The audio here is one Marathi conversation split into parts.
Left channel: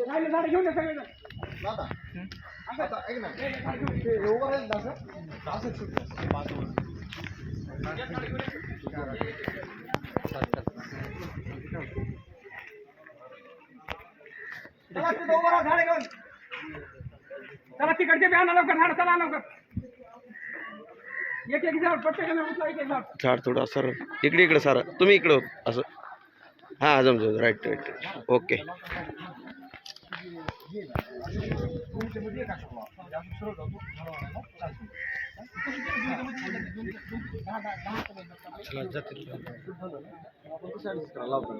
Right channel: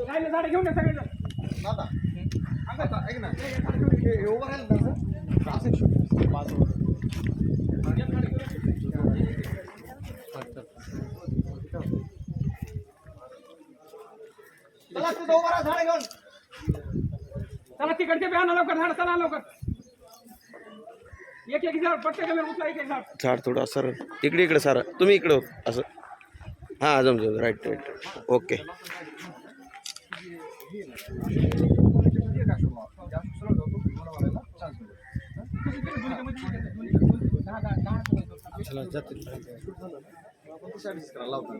ते राहिलं झाड घेऊन ये सगळेजण. दादा. आता ऐक ना. हे उभं राहील ना असं शूट. चला, तिथं उभं राहा, झाड घेऊन. चला तिकडचे बी आणा लवकर झाड चला लवकर एक एक झाड प्रत्येकाने उचला एक एक झाड झाड थोडं सर इकडे इकडे सर तुम्ही इकडे असं हां जमतो राईट राईट ओके आपण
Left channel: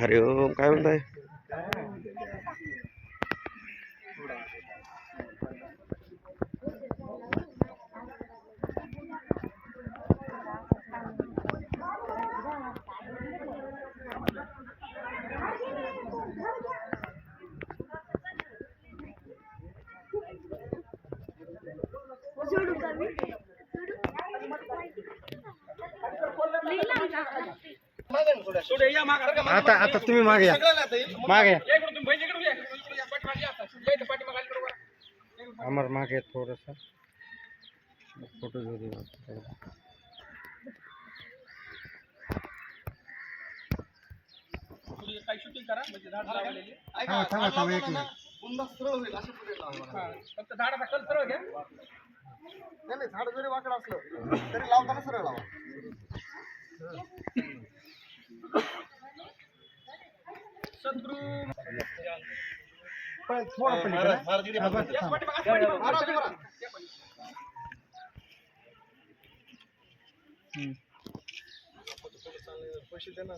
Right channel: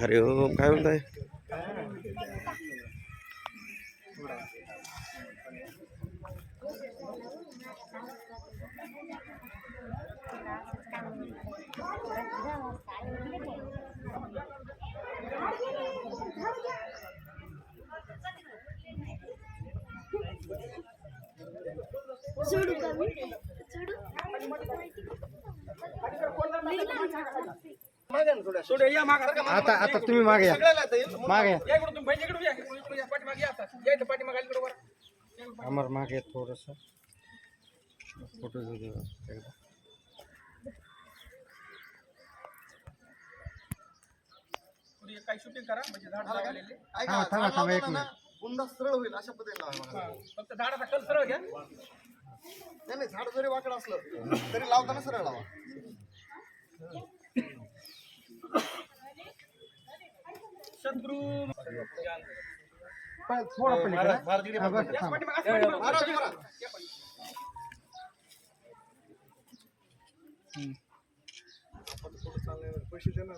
हरि ओम काय म्हणताय सोडू का आता आता तुम्ही मागे या मागे या. अमर मागे थोडस फ़ोटो घेऊ दे एकदा. काही शूटिंग करा म्हणजे झाड लावलेले हा थांबा थांबा एक मिनिट पुन्हा सरळ होईल अशा पद्धतीने हा. फक्त झाडाचा कल सरळ घ्या नाही नाही झाड जरी वाकड असलं तरी लावताना सरळ लावा सद्गुरू पैसे देणार